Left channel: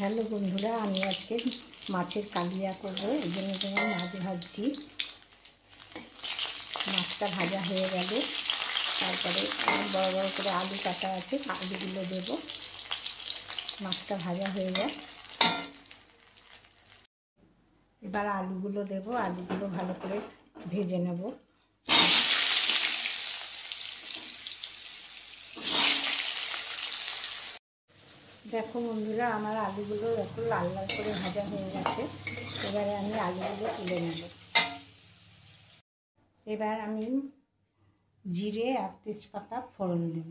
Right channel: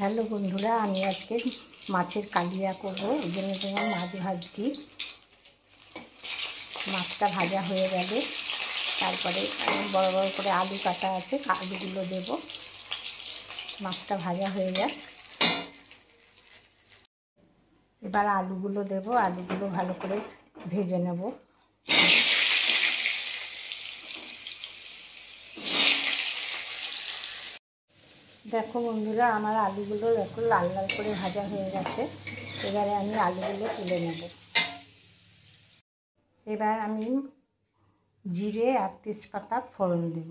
Hello বন্ধুরা, আমি আজকে মাছের কালিয়া করব। এই জন্য তোমার মাছ ভাজছি। মাছটা ভাজা হয়ে গেলে তারপরে বড় বড় করে আলু কাটা আছে, আলুগুলো দেব। মাছটা ভাজা হয়ে যায়, এবার আলুগুলো দেব। আলুগুলো ভালো করে ভেজে নেব। দেখো বন্ধুরা, আমার আলুগুলো একটু লাল লাল করে ভাজা হয়ে গেছে। এবারে আমি আলুগুলো তুলে নেব। এবার আমি জিরে আর তেজপাতা ফোড়ন দেব।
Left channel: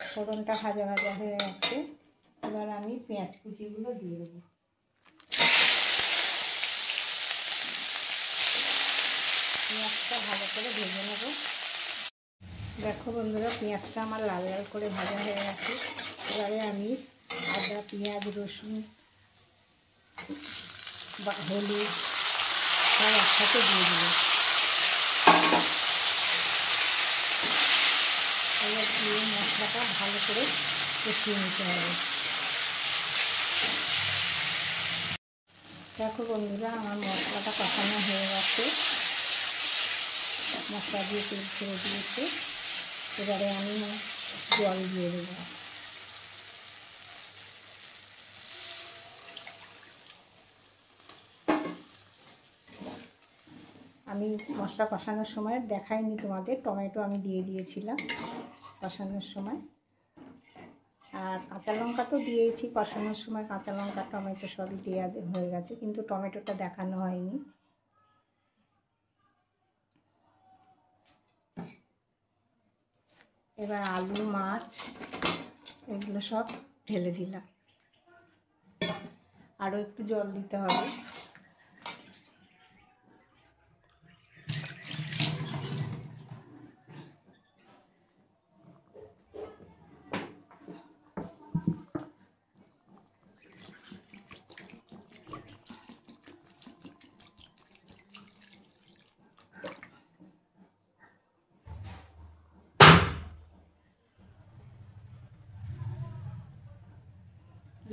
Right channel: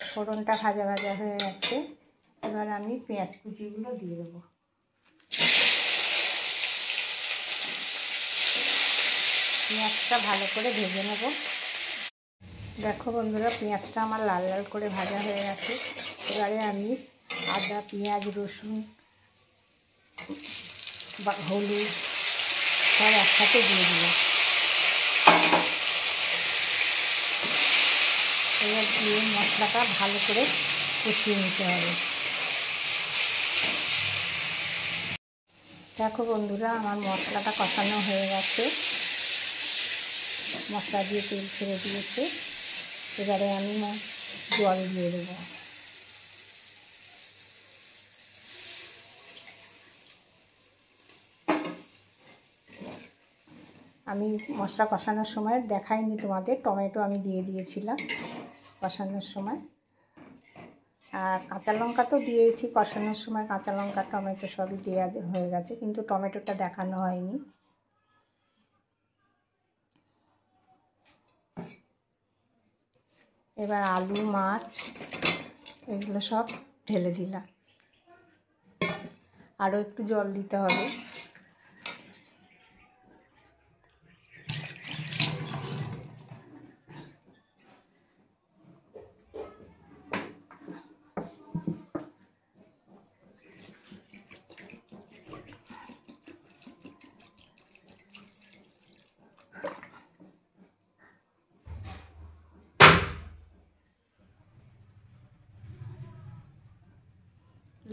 ফোড়নটা ভাজা ভাজা হয়ে গেছে। এবার আমি পেঁয়াজ কুচিগুলো দিয়ে দেবো। পেঁয়াজটা ভালো করে ভেজে নেব। দেখো বন্ধুরা, পেঁয়াজটা আমার লাল লাল করে ভাজা হয়ে গেছে। এবারে আমি আদা, পেঁয়াজ, রসুন বা হলুদ সব একসাথে দিয়ে দেবো। এবার দিয়ে মশলাটা ভালো করে কষিয়ে নিতে হবে। দেখো বন্ধুরা, আমার মশলাটা কষানো হয়ে গেছে। মশলা দিয়ে তেল ছেড়ে দিয়েছে। এবারে আমি জল দিয়ে দেবো। আমি মশলা কষানোর সময় দেখাইনি তোমাদের, টমেটো আমি দিয়ে দিয়েছিলাম কষানোর সময়। আর কাঁচা লঙ্কা তো দিয়েছি কষানোর সময়। কাঁচা লঙ্কা, টমেটো সবই দেওয়া হয়ে গেছে, কিন্তু টমেটোটা দেখানো হয়নি। এবার আলু, মাছ এগুলো সব ঢেলে দিলাম। আরও একটু জল দিতে হবে।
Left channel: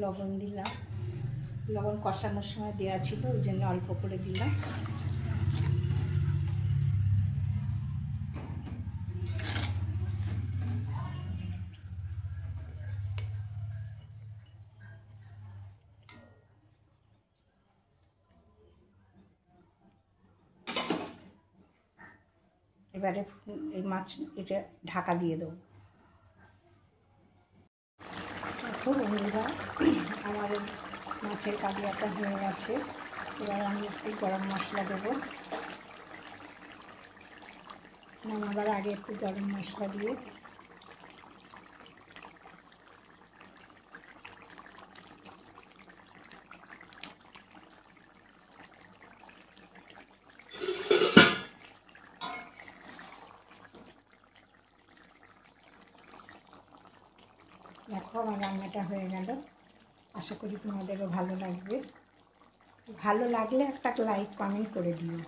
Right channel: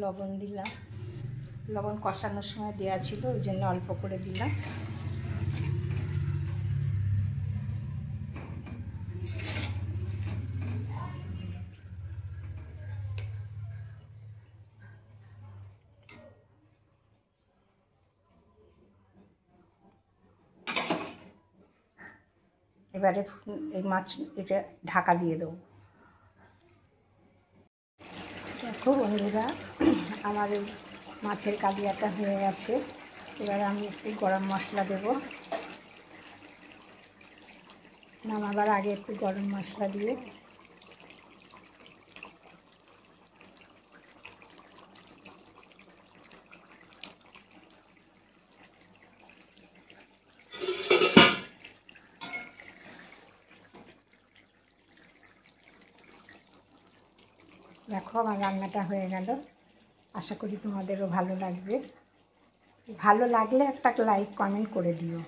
লবণ দিলাম। লবণ কষানোর সময় দেওয়া ছিল, ওই জন্য অল্প করে দিলাম। এবারে এই মাছ এটা ঢাকা দিয়ে দেবো। দেখো বন্ধুরা, আমার এই মাছের কালিয়াটা হয়ে গেছে। এবার আমি একটু গরম মশলা দেবো। নামাবার আগে একটু গরম মশলা দিয়ে দেখো আমার রান্নাটা হয়ে গেল। আশা করি তোমাদেরও ভালো লাগবে। ভালো লাগলে একটা লাইক কমেন্ট করে দিও।